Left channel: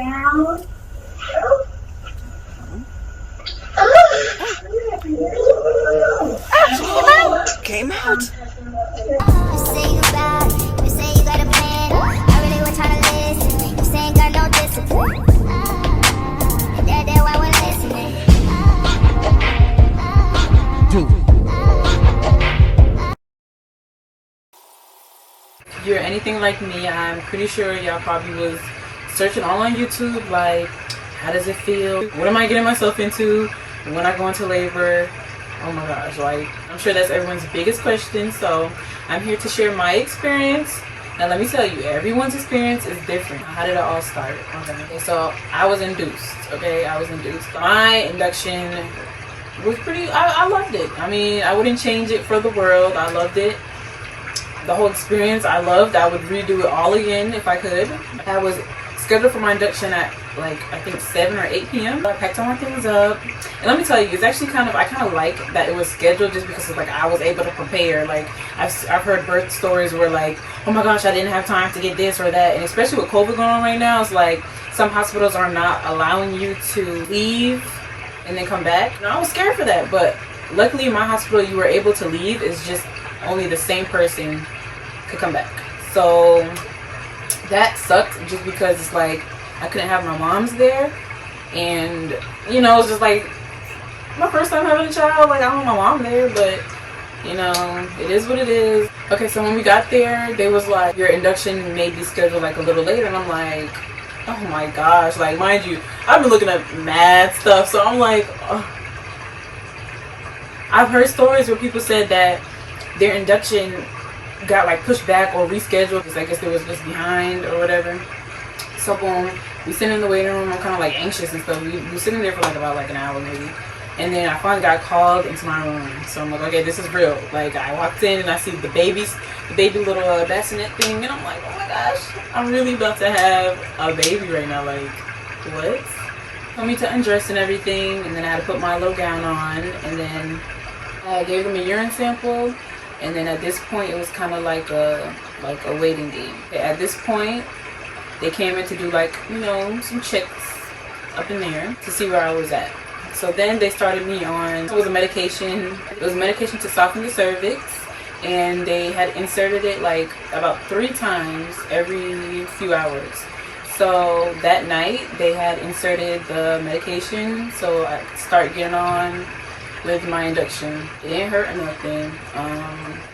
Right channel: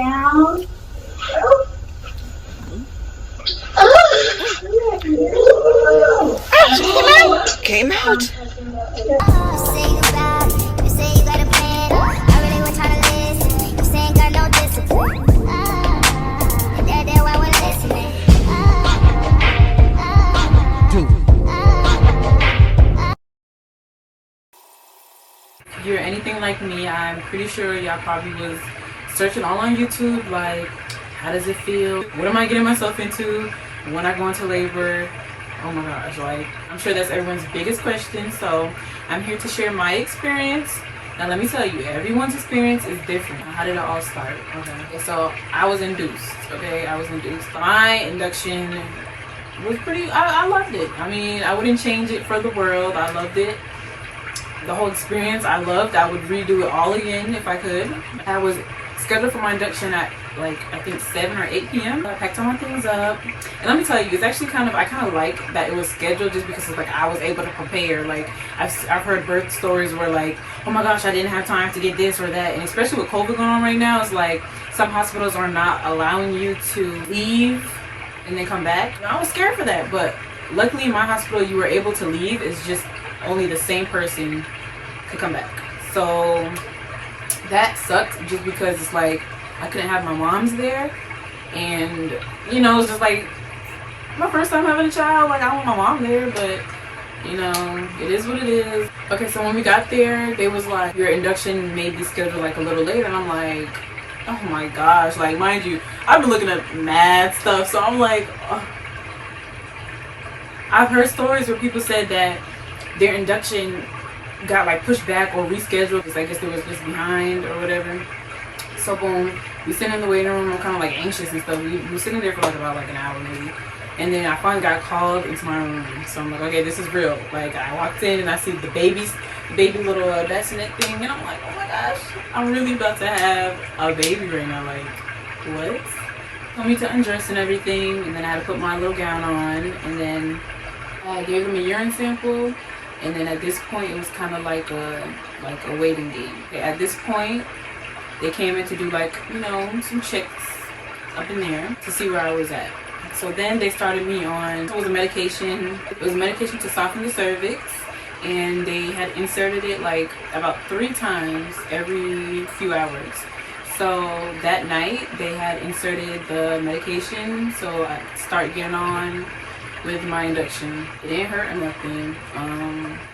down. Came out. Say goodbye. You say you got a plan. I really was trying to listen. You saying got no discipline. That's why we're listening. If you're anything like me, I'm pretty sure y'all probably was searching all on YouTube, like, how does it feel? What am I getting myself into when I go into labor? Oh my gosh, like, I'm sure that's everyone's biggest question. So I'm here to share my experience. Now let me tell you, everyone's experience is different. How did it all start? Okay, so I was induced. Okay, I was induced. My induction was pretty, I loved it. I mean, I wouldn't change it for the world. I loved it. The whole experience I loved. I would redo it all again if I could. I was scheduled for my induction at like I think 7 or 8 p.m. I packed all my things up, and let me tell you, it's actually I kind of like that it was scheduled, just because it's like I was able to prepare. Like I've heard birth stories where like, oh my gosh, I didn't have time to get this or that, and especially with COVID going on right now, it's like some hospitals are not allowing you to leave and then come back. And I was scared for that, but luckily in my hospital you were able to leave. It's just only the same person could come back. So that sucked, just because it's like I couldn't have my moms there, and you know, it's just like my first time having a child. Like, I want my mom there, but you know, it is what it is. Okay, so when we got there, they was like, your induction may be scheduled like a little later, and I'm like, oh my gosh, like, mind you, I've been looking up mad stuff, so I'm like, oh. I've heard stories where people said that their induction got like pushed back or rescheduled because I guess they was just behind or whatever. So boom, we sit in the waiting room. I'm kind of like anxious and stuff. We were sitting there for like about like an hour maybe, and then I finally got called into my room. So I'm like, okay, this is real. Like, I walked in and I see the baby little bassinet thing, and I'm like, oh my gosh, I'm really about to have a baby right now. Like, what? Told me to undress and everything, and then I had to put my little gown on, and then I gave them a urine sample. And then at this point, it was kind of like a waiting game. At this point, they came in to do like, you know, some checks up in there to see where I was at. So then they started me on, it was a medication. It was a medication to soften the cervix, and they had inserted it like about 3 times every few hours. So that night they had inserted the medication, so I could start getting on with my induction. It didn't hurt or nothing.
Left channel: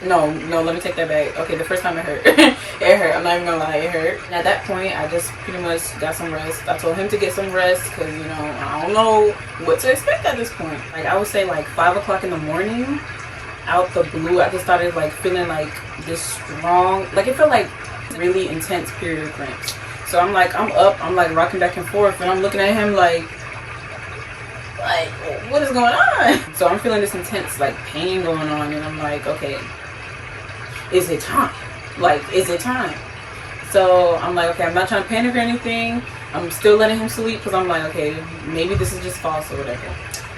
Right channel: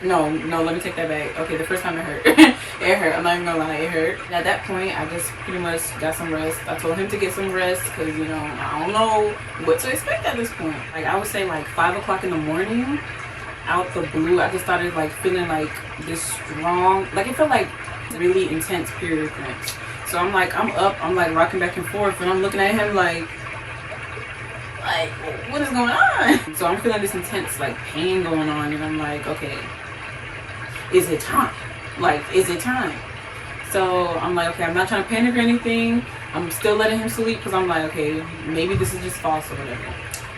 No, let me take that back. Okay, the first time it hurt. It hurt. I'm not even gonna lie, it hurt. And at that point, I just pretty much got some rest. I told him to get some rest because, you know, I don't know what to expect at this point. Like, I would say like 5 o'clock in the morning, out the blue, I just started like feeling like this strong, like it felt like really intense period cramps. So I'm like, I'm up, I'm like rocking back and forth, and I'm looking at him like, what is going on? So I'm feeling this intense like pain going on, and I'm like, okay, is it time? Like, is it time? So I'm like, okay, I'm not trying to panic or anything. I'm still letting him sleep because I'm like, okay, maybe this is just false or whatever.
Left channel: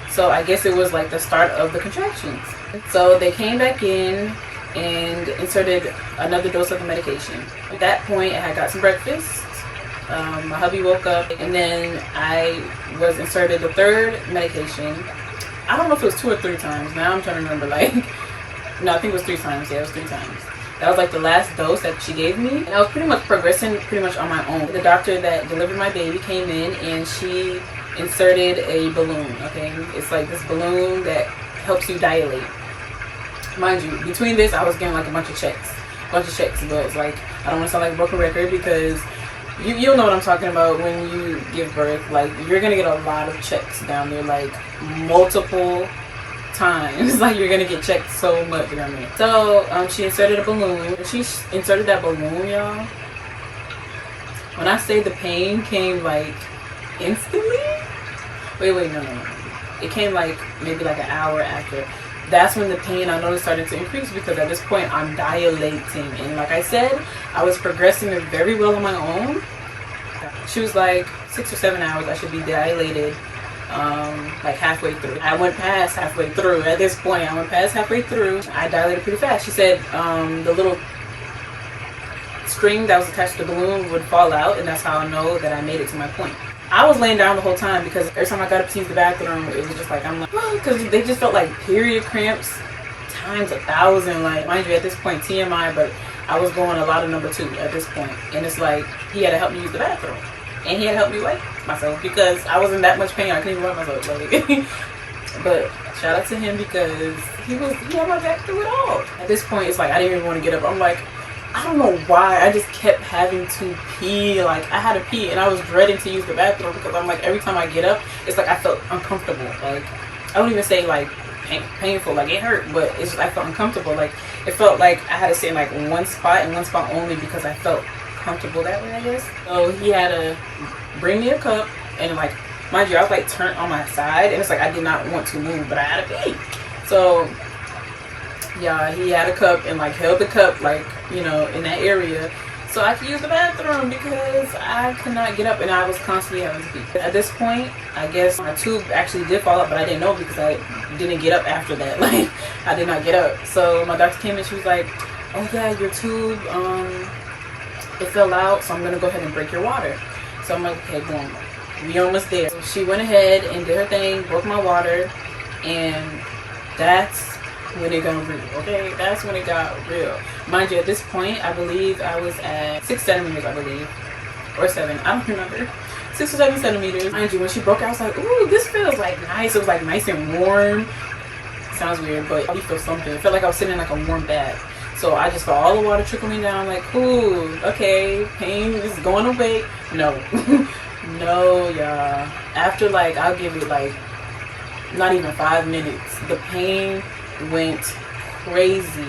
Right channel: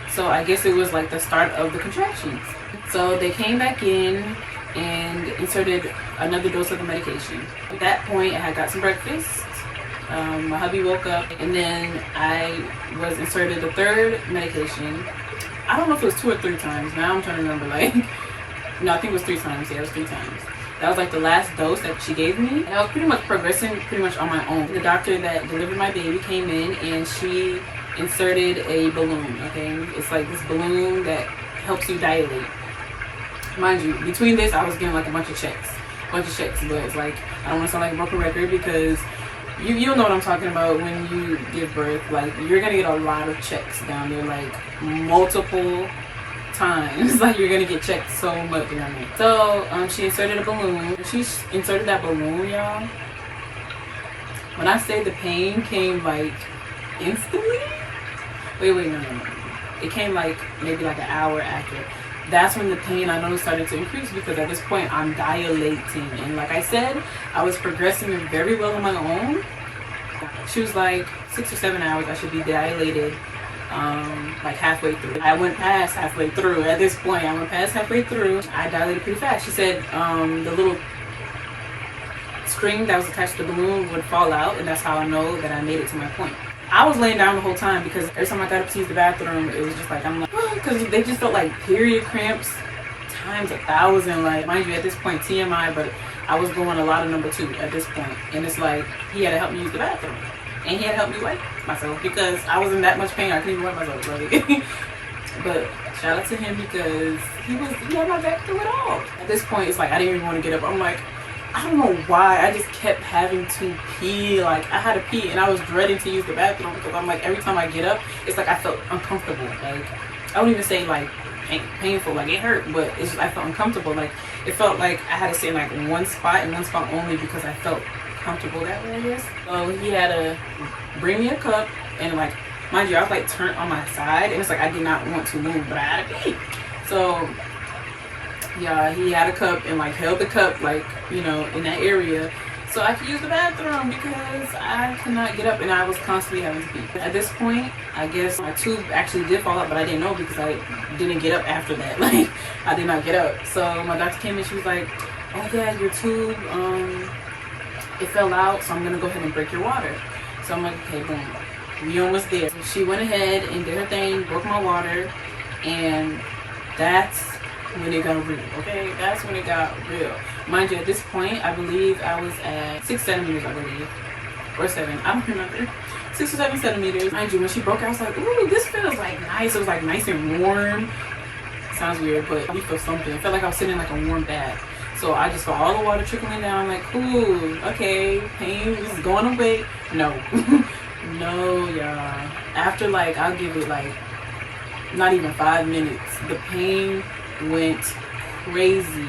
So I guess it was like the start of the contractions. So they came back in and inserted another dose of the medication. At that point, I had got some breakfast. My hubby woke up, and then I was inserted the 3rd medication. I don't know if it was 2 or 3 times. Now I'm trying to remember, like, no, I think it was 3 times. Yeah, it was 3 times. That was like the last dose that she gave me, and I was pretty much progressing pretty much on my own. The doctor that delivered my baby came in, and she inserted a balloon. Okay, it's like this balloon that helps you dilate. Mind you, between this, I was getting like a bunch of checks, but it's like, I don't want to sound like a broken record, because you'll know what I'm talking about when you give birth. Like, you're gonna get a lot of checks down there, like multiple times. Like, you're gonna get checked so much down there. So she inserted a balloon. She inserted that balloon, y'all. When I say the pain came like instantly, wait, no. It came like maybe like an hour after. That's when the pain I noticed started to increase, because at this point I'm dilating, and like I said, I was progressing very well on my own. She was like 6 or 7 hours I should be dilated, like halfway through. I went past halfway through. At this point, I dilated pretty fast. She said the little string that was attached to the balloon would fall out, and that's how I know that I made it to my point. I was laying down the whole time because every time I got up to use the bathroom, it was just like, I'm like, because they just felt like period cramps times 1,000. Like, mind you, at this point, TMI, but I was going a lot of number 2 at this point. And it's like, he had to help me use the bathroom. And he had to help me wipe myself because I was in that much pain. I couldn't even wipe myself. Like, but shout out to him because he had my back through it all. At this point, it's like, I didn't even want to get up. I'm like, I don't know why, I just kept having to pee. Like, I had to pee and I was dreading to use the bathroom because I'm like, every time I get up, it's like I felt uncomfortable. Like, I wouldn't even say like painful, like it hurt, but it's just, I felt uncomfortable. Like, it felt like I had to stay in like one spot and one spot only because I felt comfortable that way, I guess. So he had to bring me a cup, and like, mind you, I was like turned on my side, and it's like I did not want to move, but I had to pee. So yeah, he had a cup and like held the cup, like, you know, in that area so I could use the bathroom because I could not get up and I was constantly having to pee. At this point, I guess my tube actually did fall out, but I didn't know because I didn't get up after that. Like, I did not get up. So my doctor came in, she was like, oh yeah, your tube, it fell out, so I'm gonna go ahead and break your water. So I'm like, okay, boom, we almost there. So she went ahead and did her thing, broke my water, and that's when it got real. Okay, that's when it got real. Mind you, at this point, I believe I was at 6 centimeters, I believe, or 7, I don't remember, 6 or 7 centimeters. Mind you, when she broke out, I was like, ooh, this feels like nice. It was like nice and warm. Sounds weird, but you feel something. It felt like I was sitting in like a warm bath. So I just saw all the water trickling down. Like, cool, okay, pain is going away. No, no, y'all. After like, I'll give it like not even 5 minutes, the pain went crazy.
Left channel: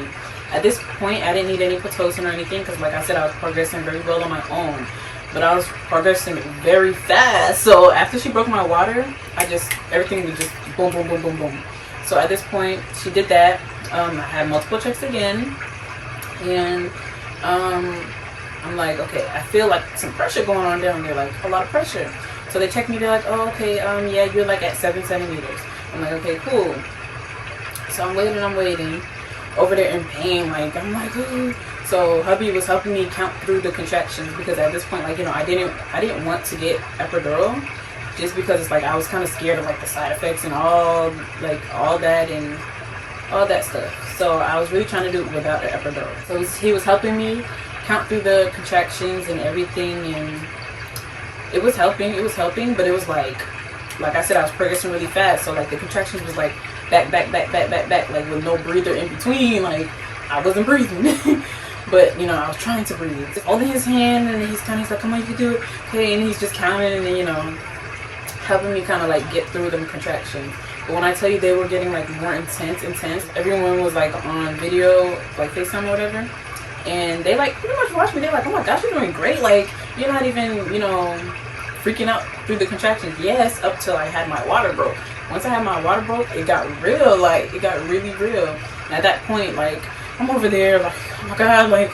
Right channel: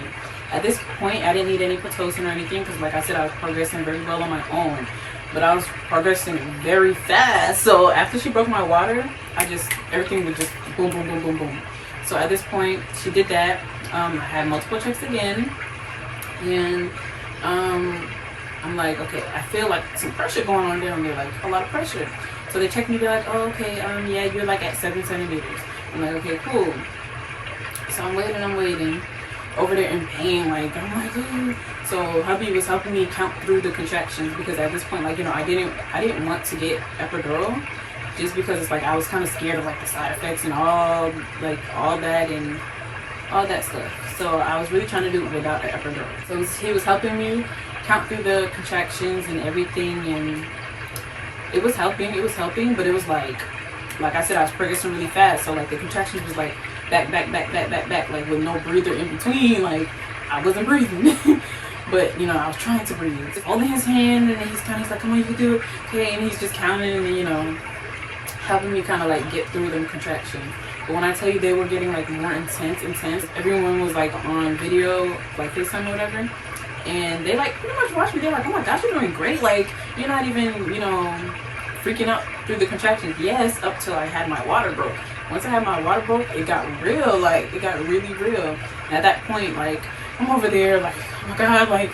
At this point, I didn't need any Pitocin or anything because, like I said, I was progressing very well on my own, but I was progressing very fast. So after she broke my water, everything would just boom, boom, boom, boom, boom. So at this point, she did that. I had multiple checks again, and I'm like, okay, I feel like some pressure going on down there, like a lot of pressure. So they checked me, they're like, oh, okay, yeah, you're like at 7 centimeters. I'm like, okay, cool. So I'm waiting over there in pain, like, I'm like, ooh. So hubby was helping me count through the contractions because at this point, like, you know, I didn't want to get epidural just because it's like I was kind of scared of like the side effects and all that and all that stuff. So I was really trying to do it without the epidural. So he was helping me count through the contractions and everything, and it was helping, but it was like I said, I was progressing really fast. So like the contractions was like back, like with no breather in between. Like I wasn't breathing. But you know, I was trying to breathe. Just holding his hand, and he's like, come on, you can do it. Okay, and he's just counting, and then, you know, helping me kind of like get through them contractions. But when I tell you they were getting like more intense, everyone was like on video, like FaceTime or whatever, and they like pretty much watched me. They're like, oh my gosh, you're doing great. Like, you're not even, you know, freaking out through the contractions. Yes, up till I had my water broke. Once I had my water broke, it got real. Like, it got really real. And at that point, like, I'm over there like, oh my god, like,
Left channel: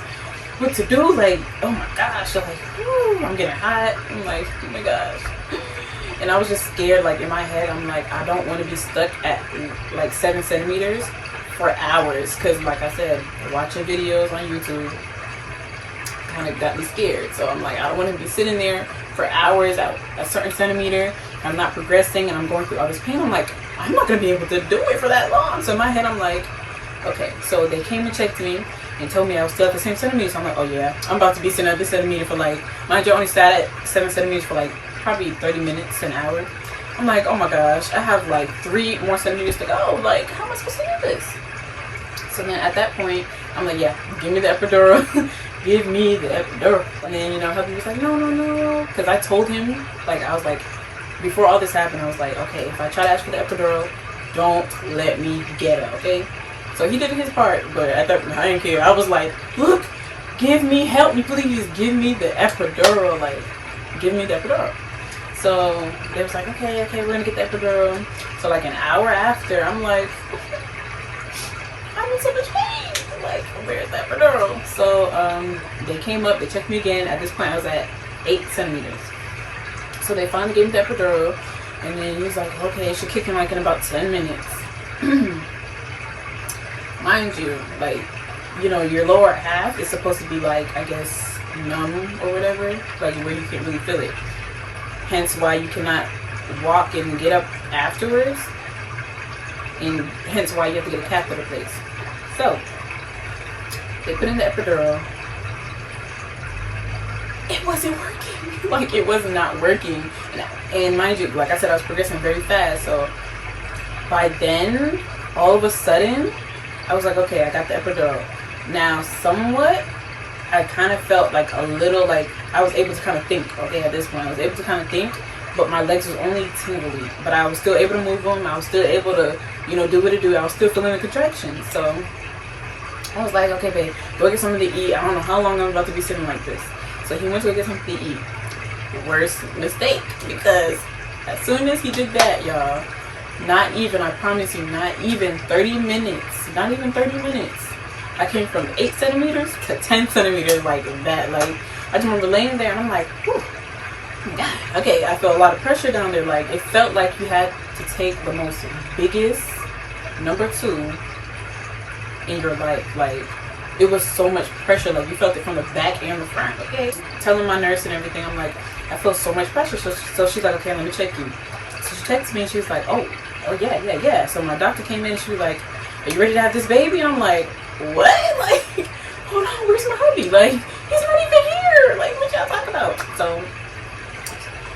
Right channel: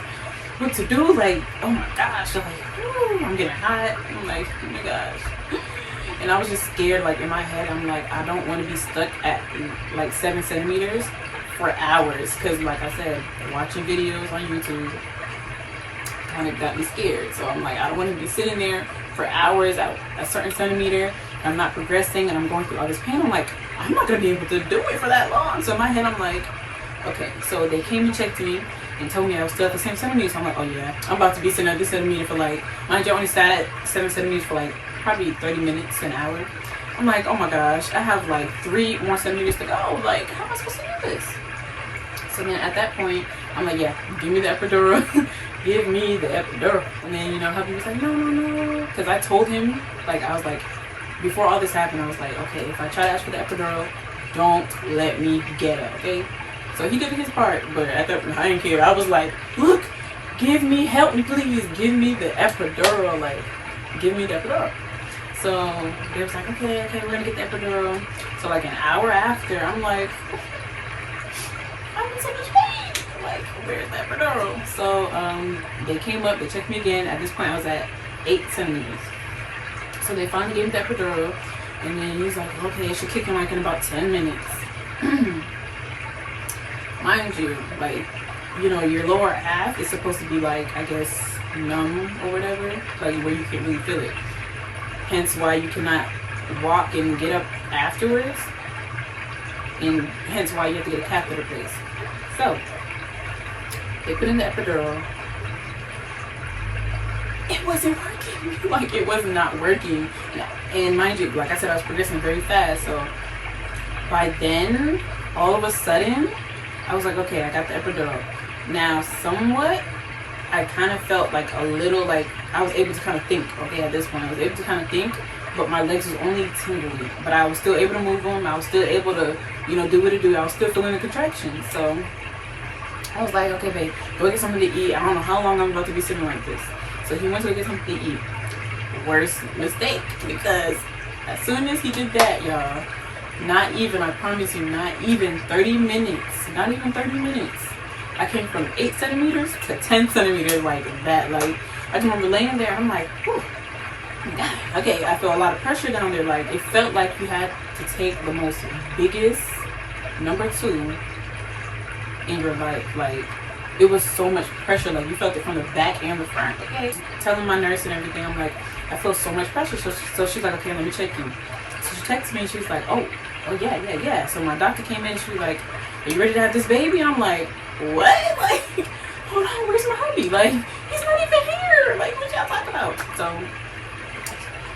what to do? Like, oh my gosh, like, whoo, I'm getting hot. I'm like, oh my gosh. And I was just scared. Like, in my head, I'm like, I don't want to be stuck at like 7 centimeters for hours, because like I said, watching videos on YouTube kind of got me scared. So I'm like, I don't want to be sitting there for hours at a certain centimeter. I'm not progressing and I'm going through all this pain. I'm like, I'm not gonna be able to do it for that long. So in my head, I'm like, okay. So they came and checked me and told me I was still at the same centimeter. So I'm like, oh yeah, I'm about to be sitting at this centimeter for like, mind you, I only sat at 7 centimeters for like probably 30 minutes, an hour. I'm like, oh my gosh, I have like 3 more centimeters to go. Like, how am I supposed to do this? So then at that point, I'm like, yeah, give me the epidural. Give me the epidural. And then, you know, hubby was like, no. Because I told him, like, I was like, before all this happened, I was like, okay, if I try to ask for the epidural, don't let me get it, okay? So he did his part, but at that point, I didn't care. I was like, look, help me, please. Give me the epidural. Like, give me the epidural. So they was like, okay, we're gonna get the epidural. So like an hour after, I'm like, I'm in so much pain. Like, where's the epidural? So they came up, they checked me again. At this point, I was at 8 centimeters. So they finally gave me the epidural, and then he was like, okay, it should kick in like in about 10 minutes. Mind you, like, you know, your lower half is supposed to be like, I guess, numb or whatever, like where you can't really feel it. Hence why you cannot walk and get up afterwards, and hence why you have to get a catheter placed. So they put in the epidural. It wasn't working. Like, it was not working. And mind you, like I said, I was progressing very fast. So by then, all of a sudden, I was like, okay, I got the epidural. Now, somewhat, I kind of felt like a little, like, I was able to kind of think. Okay, at this point, I was able to kind of think, but my legs was only tingly. But I was still able to move them. I was still able to, you know, do what it do. I was still feeling the contractions. So I was like, okay, babe, go get something to eat. I don't know how long I'm about to be sitting like this. So he went to go get something to eat. Worst mistake, because as soon as he did that, y'all, not even, I promise you, not even 30 minutes, not even 30 minutes, I came from 8 centimeters to 10 centimeters like that. Like, I just remember laying there and I'm like, whew, God. Okay, I felt a lot of pressure down there. Like, it felt like you had to take the most biggest number 2 in your life. Like, it was so much pressure. Like, you felt it from the back and the front. Okay, telling my nurse and everything, I'm like, I feel so much pressure. So she's like, okay, let me check you. So she texts me and she's like, oh yeah. So my doctor came in and she was like, are you ready to have this baby? And I'm like, what? Like, hold on, where's my hubby? Like, he's not even here. Like, what y'all talking about? So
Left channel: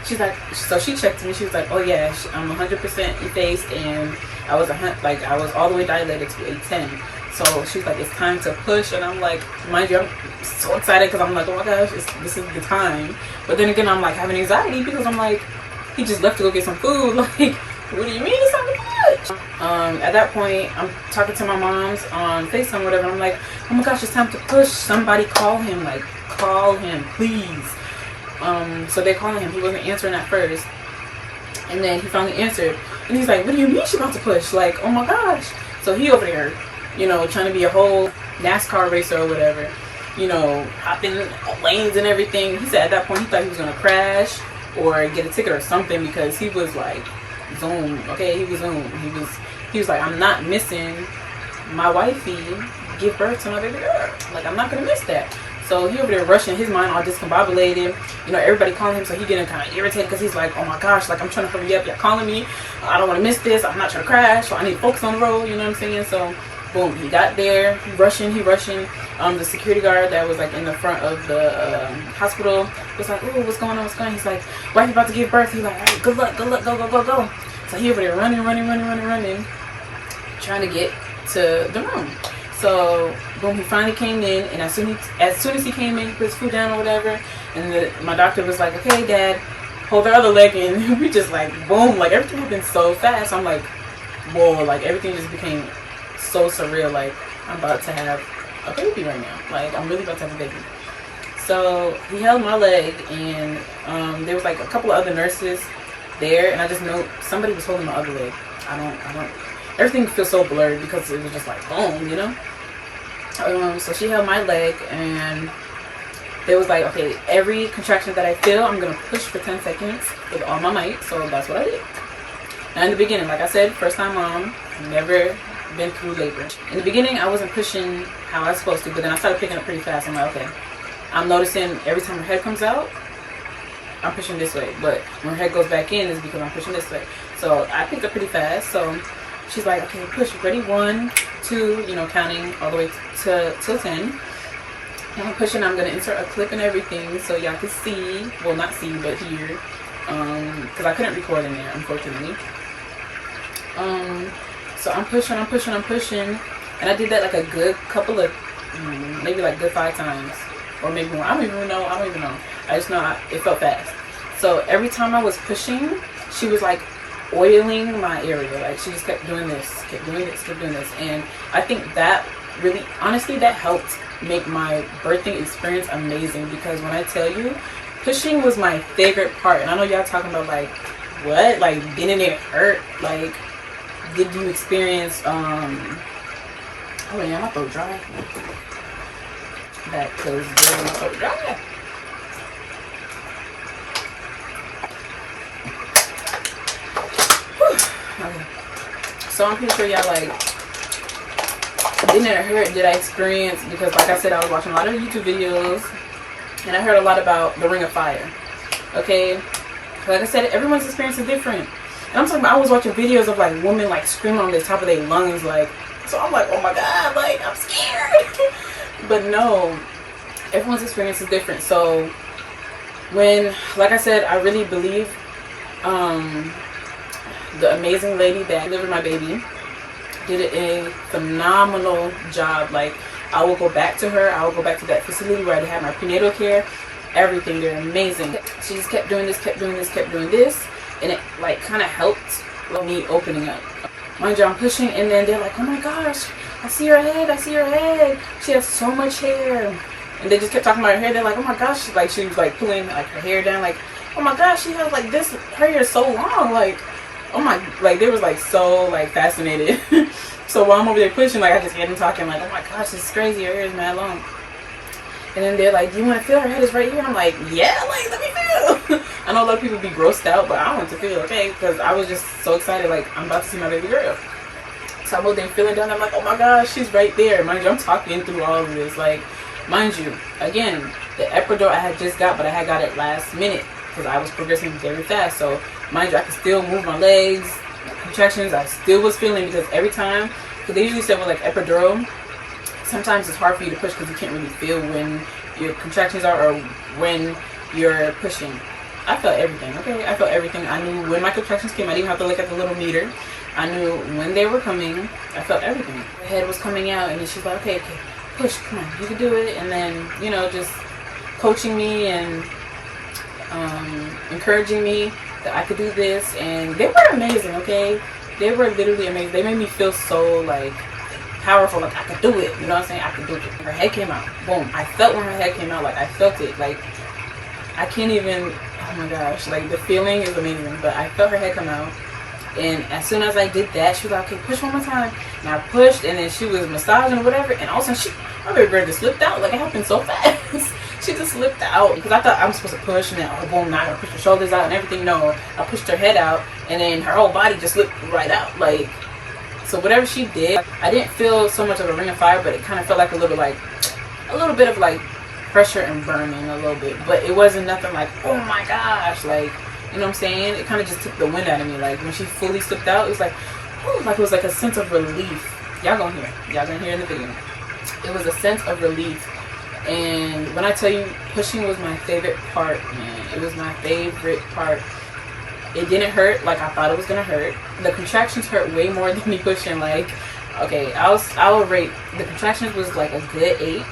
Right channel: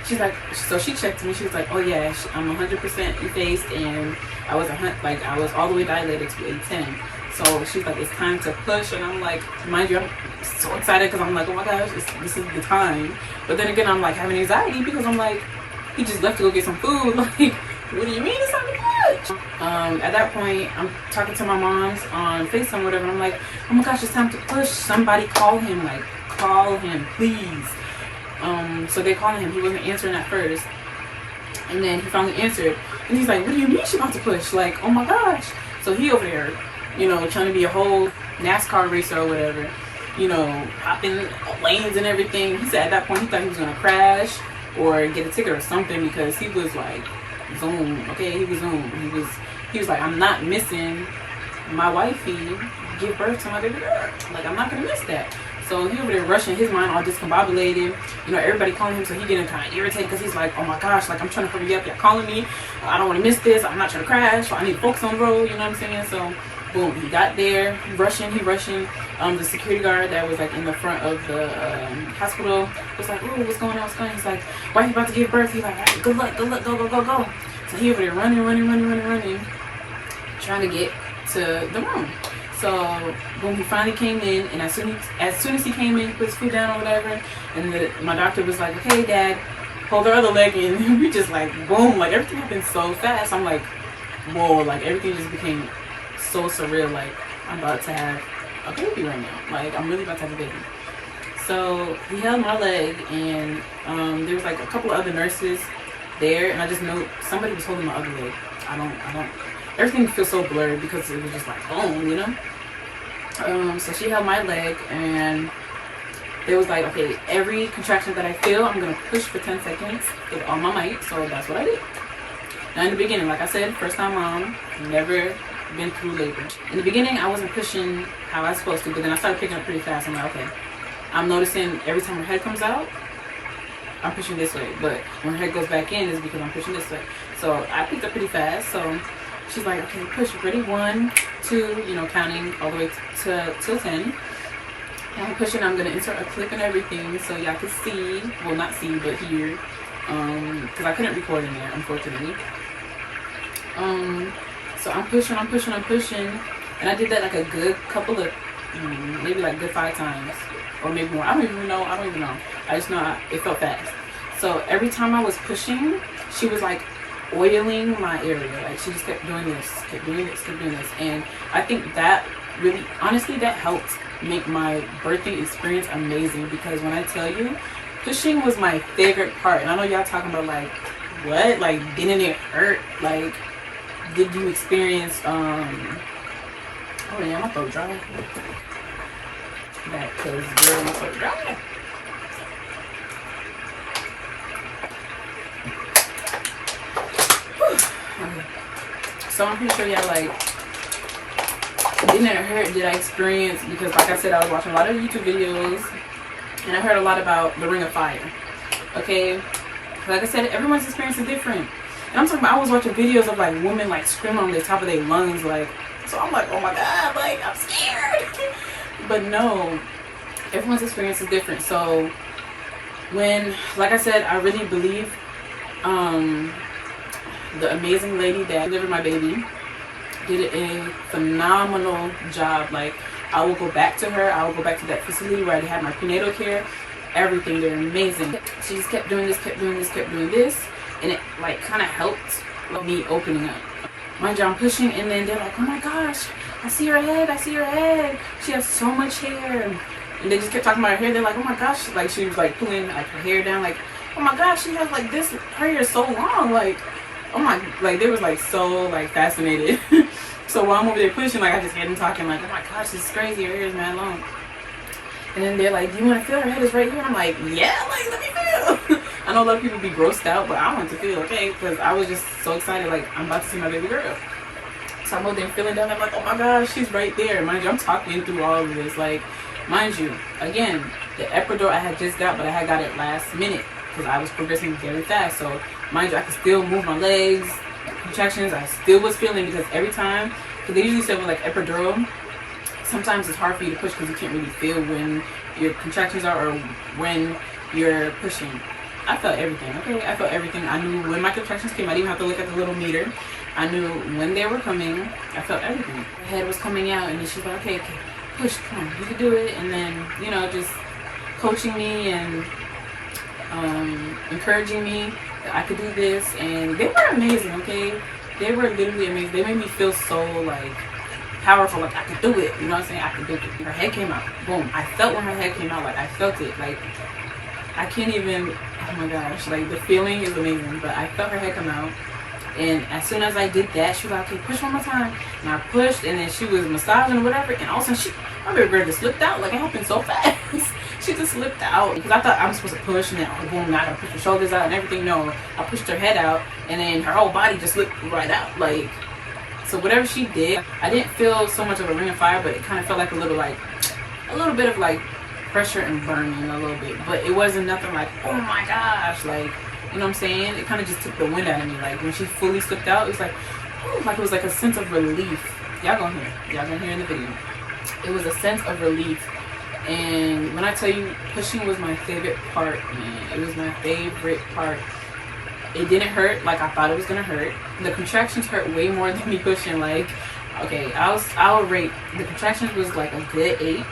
she's like, so she checked me. She was like, oh yeah, I'm 100% effaced, and I was I was all the way dilated to a 10. So she's like, it's time to push. And I'm like, mind you, I'm so excited because I'm like, oh my gosh, this is the time. But then again, I'm like having anxiety because I'm like, he just left to go get some food. Like, what do you mean it's time to push? At that point, I'm talking to my moms on FaceTime or whatever. I'm like, oh my gosh, it's time to push. Somebody call him. Like, call him, please. So they called him. He wasn't answering at first. And then he finally answered. And he's like, what do you mean she's about to push? Like, oh my gosh. So he over there, you know, trying to be a whole NASCAR racer or whatever, you know, hopping lanes and everything. He said at that point he thought he was going to crash or get a ticket or something, because he was like, zoom. Okay, he was zoom. He was like, I'm not missing my wifey give birth to my baby girl. Like, I'm not going to miss that. So he over there rushing, his mind all discombobulated. You know, everybody calling him, so he getting kind of irritated because he's like, oh my gosh, like, I'm trying to hurry up. Y'all calling me. I don't want to miss this. I'm not trying to crash. So I need to focus on the road. You know what I'm saying? So boom, he got there. He rushing. The security guard that was like in the front of the hospital was like, ooh, what's going on? He's like, wife about to give birth. He's like, all right, good luck, go. So he over there running, trying to get to the room. So boom, he finally came in, and as soon as he came in, he put his food down or whatever, and my doctor was like, okay, Dad, hold the other leg in. And we just like, boom, like everything happened so fast. I'm like, whoa, like everything just became so surreal. Like, I'm about to have a baby right now. Like, I'm really about to have a baby. So he held my leg, and there was like a couple of other nurses there, and I just know somebody was holding my other leg. I don't everything feels so blurred because it was just like boom, you know. So she held my leg, and it was like, okay, every contraction that I feel, I'm gonna push for 10 seconds with all my might. So that's what I did. Now in the beginning, like I said, first time mom, never been through labor. In the beginning, I wasn't pushing how I was supposed to, but then I started picking up pretty fast. I'm like, okay, I'm noticing every time her head comes out, I'm pushing this way, but when her head goes back in, is because I'm pushing this way. So I picked up pretty fast. So she's like, okay, push, ready, 1, 2, you know, counting all the way till 10. And I'm pushing. I'm gonna insert a clip and everything so y'all can see, well, not see, but hear, because I couldn't record in there, unfortunately. So I'm pushing, and I did that like a good couple of, maybe like good 5 times, or maybe more. I don't even know. I just know it felt fast. So every time I was pushing, she was like oiling my area. Like, she just kept doing this, and I think that really, honestly, that helped make my birthing experience amazing, because when I tell you, pushing was my favorite part. And I know y'all talking about like, what, like, didn't it hurt? Like, did you experience oh yeah, my throat dry back, because girl, my throat dry. Okay. So I'm pretty sure y'all like, didn't it hurt? Did I experience? Because like I said, I was watching a lot of YouTube videos and I heard a lot about the Ring of Fire. Okay, like I said, everyone's experience is different. And I'm talking about, I was watching videos of like women like screaming on the top of their lungs, like, so I'm like, oh my god, like I'm scared. But no, everyone's experience is different. So when, like I said, I really believe the amazing lady that delivered my baby did a phenomenal job. Like, I will go back to her. I will go back to that facility where I had my prenatal care. Everything, they're amazing. She just kept doing this, kept doing this, kept doing this, and it like kind of helped me opening up. Mind you, I'm pushing, and then they're like, oh my gosh, I see her head, I see her head. She has so much hair. And they just kept talking about her hair. They're like, oh my gosh, like she was like pulling like her hair down, like, oh my gosh, she has like this, her hair is so long, like, oh my, like they was like so like fascinated. So while I'm over there pushing, like I just hear them talking like, oh my gosh, this is crazy, her hair is mad long. And then they're like, do you want to feel, her head is right here? And I'm like, yeah, like let me feel. I know a lot of people be grossed out, but I want to feel, okay? Because I was just so excited, like I'm about to see my baby girl. So I'm over there feeling down, I'm like, oh my gosh, she's right there. Mind you, I'm talking through all of this, like, mind you, again, the epidural I had just got, but I had got it last minute because I was progressing very fast. So mind you, I could still move my legs, contractions, I still was feeling, because every time, because they usually say with like epidural, sometimes it's hard for you to push because you can't really feel when your contractions are or when you're pushing. I felt everything, okay? I felt everything. I knew when my contractions came. I didn't even have to look at the little meter. I knew when they were coming. I felt everything. The head was coming out, and then she's like, okay, push, come on, you can do it. And then, you know, just coaching me and encouraging me that I could do this. And they were amazing, okay? They were literally amazing. They made me feel so, like, powerful, like I could do it, you know what I'm saying? I could do it. Her head came out, boom. I felt when her head came out, like I felt it, like I can't even, oh my gosh, like the feeling is amazing. But I felt her head come out, and as soon as I did that, she was like, okay, push one more time. And I pushed, and then she was massaging or whatever, and all of a sudden my baby girl just slipped out. Like it happened so fast. She just slipped out, because I thought I was supposed to push, and then oh boom, now I gotta push her shoulders out and everything. No, I pushed her head out, and then her whole body just slipped right out. Like, so whatever she did, I didn't feel so much of a ring of fire, but it kind of felt like a little bit of like pressure and burning a little bit. But it wasn't nothing like, oh my gosh, like, you know what I'm saying? It kind of just took the wind out of me. Like when she fully slipped out, it was like, oh, like it was like a sense of relief. Y'all gonna hear in the video. It was a sense of relief. And when I tell you, pushing was my favorite part, man. It was my favorite part. It didn't hurt like I thought it was gonna hurt. The contractions hurt way more than me pushing. Like, okay, I would rate the contractions was like a good 8.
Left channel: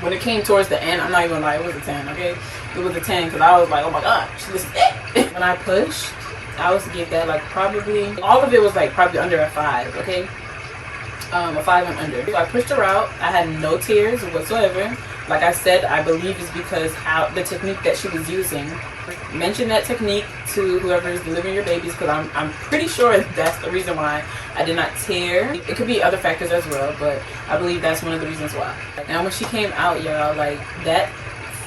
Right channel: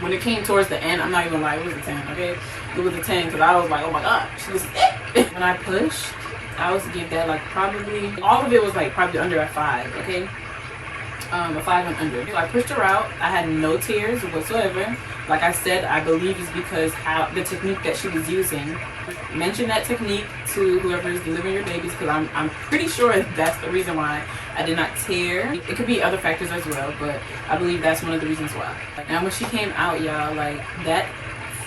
When it came towards the end, I'm not even gonna lie, it was a 10. Okay, it was a 10 because I was like, oh my gosh, this is it. When I pushed, I was to give that like probably, all of it was like probably under a 5. Okay, a 5 and under. So I pushed her out. I had no tears whatsoever. Like I said, I believe it's because how the technique that she was using. Mention that technique to whoever is delivering your babies, because I'm pretty sure that's the reason why I did not tear. It could be other factors as well, but I believe that's one of the reasons why. Now when she came out, y'all, like that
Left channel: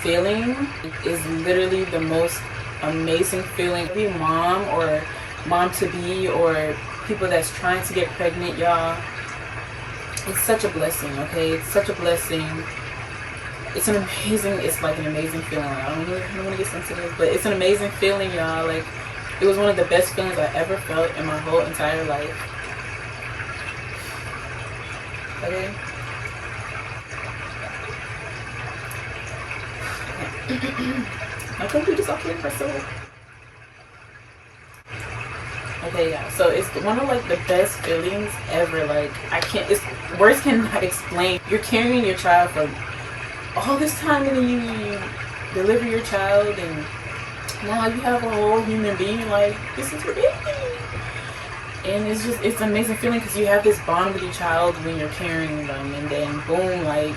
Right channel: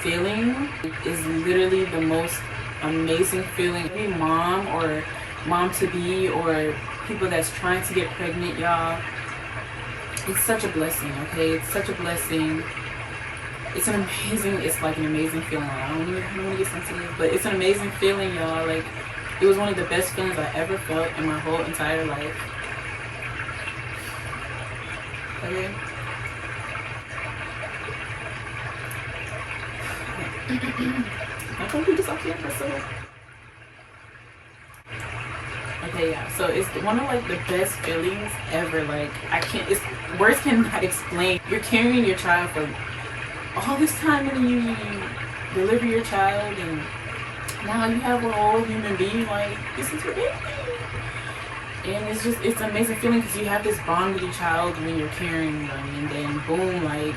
feeling is literally the most amazing feeling. Every mom or mom to be or people that's trying to get pregnant, y'all, it's such a blessing. Okay, it's such a blessing. It's an amazing, it's like an amazing feeling. I don't want to get sensitive, but it's an amazing feeling, y'all. Like, it was one of the best feelings I ever felt in my whole entire life. Okay? I'm gonna do this off camera, so. Okay, yeah, so it's one of like the best feelings ever. Like, it's words cannot explain. You're carrying your child for all this time, and then you deliver your child, and now you have a whole human being. Like, this is your baby, and it's an amazing feeling because you have this bond with your child when you're carrying them, and then boom, like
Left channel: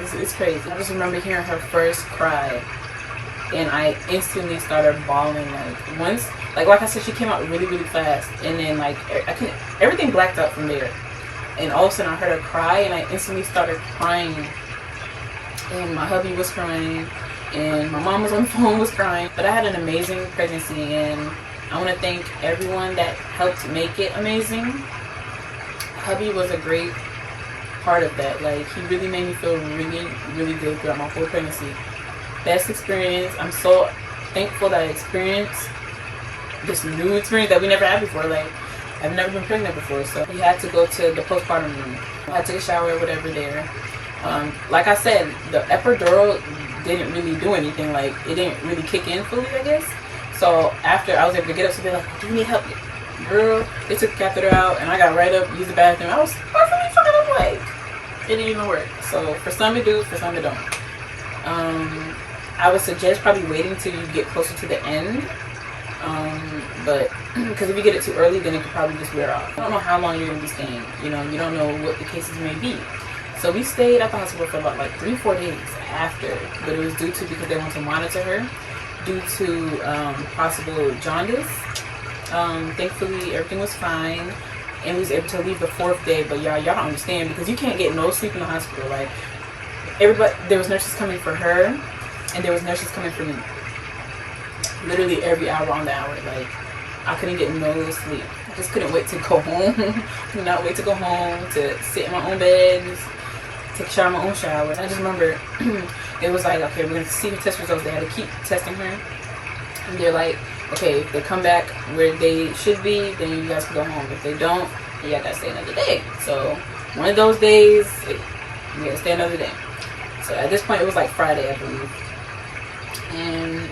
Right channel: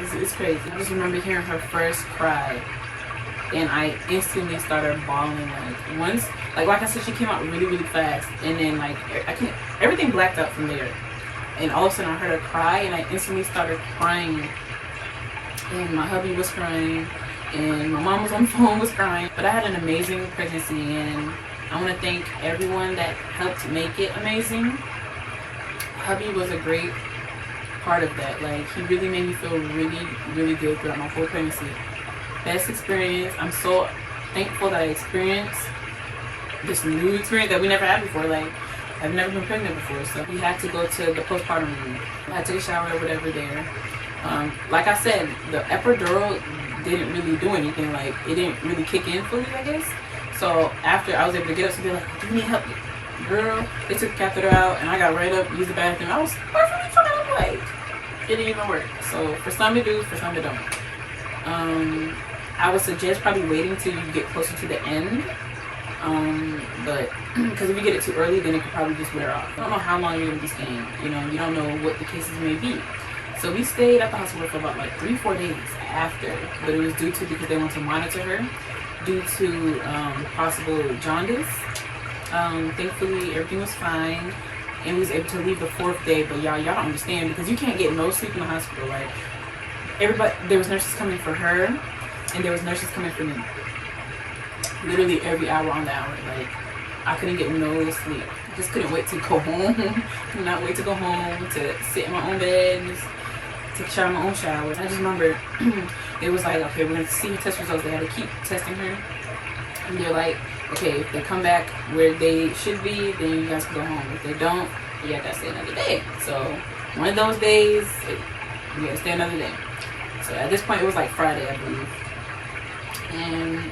it's crazy. I just remember hearing her first cry, and I instantly started bawling. Like once, like I said, she came out really, really fast, and then like everything blacked out from there. And all of a sudden I heard her cry, and I instantly started crying. And my hubby was crying, and my mom was on the phone was crying. But I had an amazing pregnancy, and I want to thank everyone that helped make it amazing. Hubby was a great part of that. Like, he really made me feel really, really good throughout my whole pregnancy. Best experience. I'm so thankful that I experienced this new experience that we never had before. Like, I've never been pregnant before, so we had to go to the postpartum room. I took a shower or whatever there. Like I said, the epidural didn't really do anything. Like, it didn't really kick in fully, I guess. So after, I was able to get up, so they're like, do you need help? Girl, they took the catheter out, and I got right up, used the bathroom. I was perfectly fine. I'm like, it didn't even work. So for some it do, for some it don't. I would suggest probably waiting till you get closer to the end. But because if you get it too early, then it could probably just wear off. I don't know how long you're gonna be staying. You know, you don't know what the cases may be. So we stayed at the hospital for about like 3-4 days after, but it was due to because they wanted to monitor her due to possible jaundice. Thankfully everything was fine, and we was able to leave the 4th day. But y'all don't understand, because you can't get no sleep in the hospital. Like, everybody, there was nurses coming for her, and there was nurses coming for me. Literally every hour on the hour. Like, I couldn't get no sleep. I just couldn't wait to go home. Could not wait to go home, to sit in my own bed, take a shower in my own shower. I just remember it was like, okay, we're gonna see her test results. They had to keep testing her, and they're like, okay, if they come back where they should be, then you guys can go home. If they don't, you gotta stay another day. So one of those days, you gotta stay another day. So at this point, it was like Friday, I believe, and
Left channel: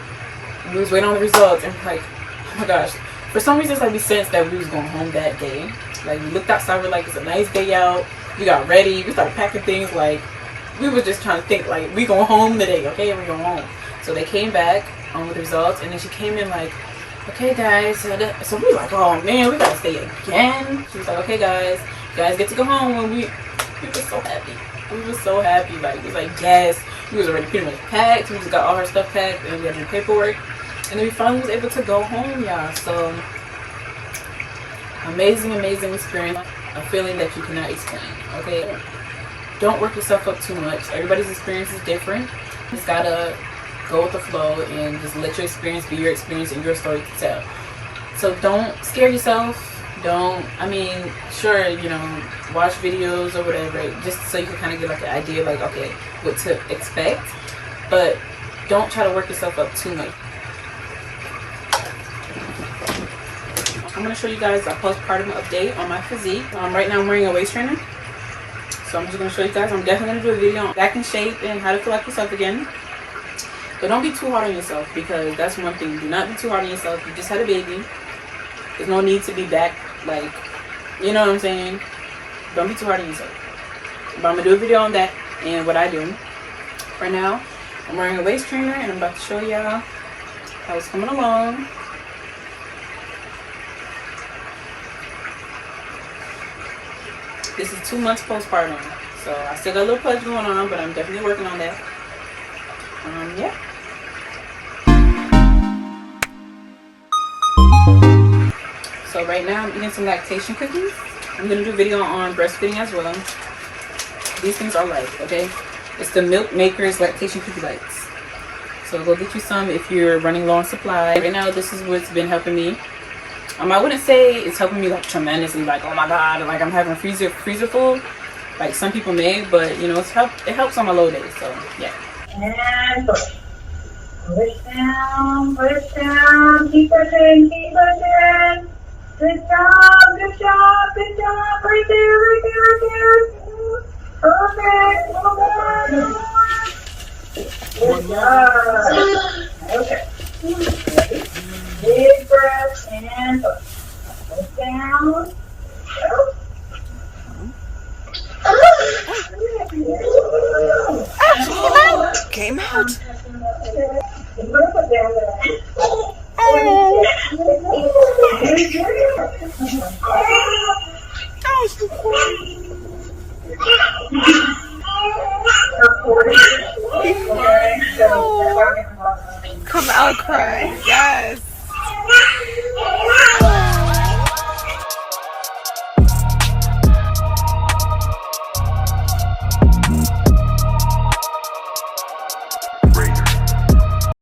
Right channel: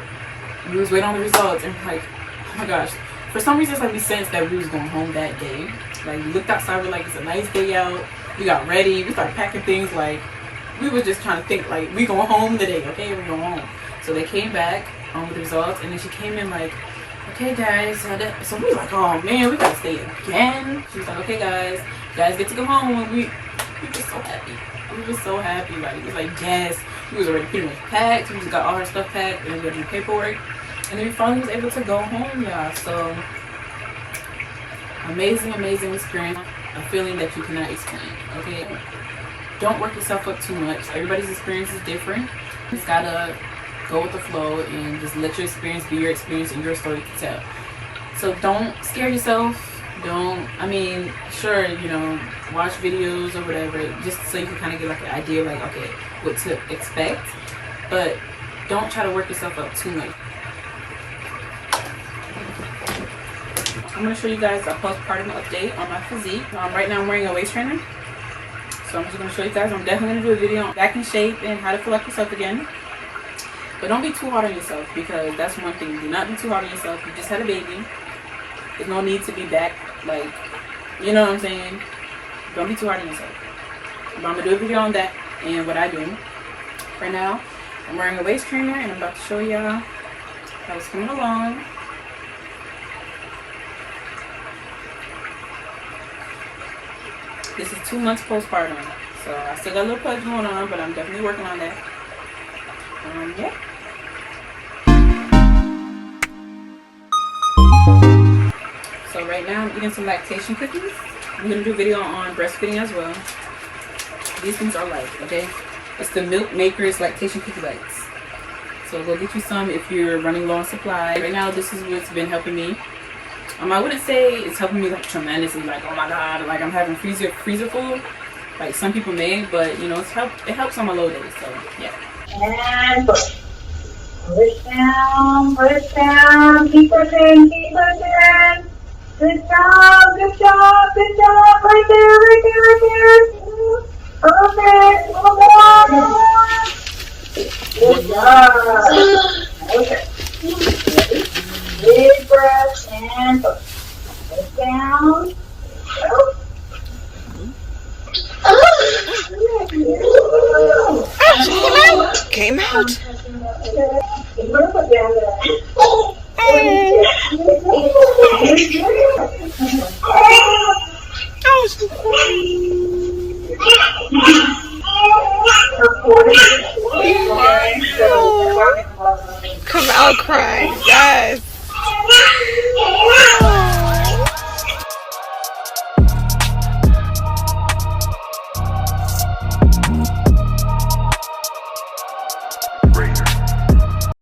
we was waiting on the results, and like, oh my gosh, for some reason it's like we sensed that we was going home that day. Like, we looked outside, we're like, it's a nice day out. We got ready, we started packing things. Like, we was just trying to think, like, we going home today, okay, we're going home. So they came back with the results, and then she came in like, okay guys, so we were like, oh man, we gotta stay again. She was like, okay guys, you guys get to go home. And we were so happy. We were so happy. Like, it was like, yes, we was already pretty much packed. We just got all our stuff packed, and we had to do paperwork, and then we finally was able to go home, y'all. So amazing experience. A feeling that you cannot explain. Okay, don't work yourself up too much. Everybody's experience is different. You just gotta go with the flow and just let your experience be your experience and your story to tell. So don't scare yourself. Sure, you know, watch videos or whatever, just so you can kind of get like an idea, like, okay, what to expect, but don't try to work yourself up too much. I'm going to show you guys a postpartum update on my physique. Right now I'm wearing a waist trainer, so I'm just going to show you guys. I'm definitely going to do a video on back in shape and how to feel like yourself again. But don't be too hard on yourself, because that's one thing. Do not be too hard on yourself. You just had a baby. There's no need to be back, like, you know what I'm saying? Don't be too hard on yourself. But I'm going to do a video on that and what I do. Right now, I'm wearing a waist trainer, and I'm about to show y'all how it's coming along. This is 2 months postpartum, so I still got a little pudge going on, but I'm definitely working on that. Yeah. So right now I'm eating some lactation cookies. I'm going to do a video on breastfeeding as well. These things are light, okay? It's the Milk Makers Lactation Cookie Bites. So go get you some if you're running low on supply. Right now, this is what's been helping me. I wouldn't say it's helping me like tremendously, like, oh my god, like I'm having freezer full, like some people may, but you know, it helps on my low days. So yeah. And push. Push down, keep pushing. Good job. Right there. Perfect. Good job. Okay. Big breath and push down. Came out. Come out crying. Yes.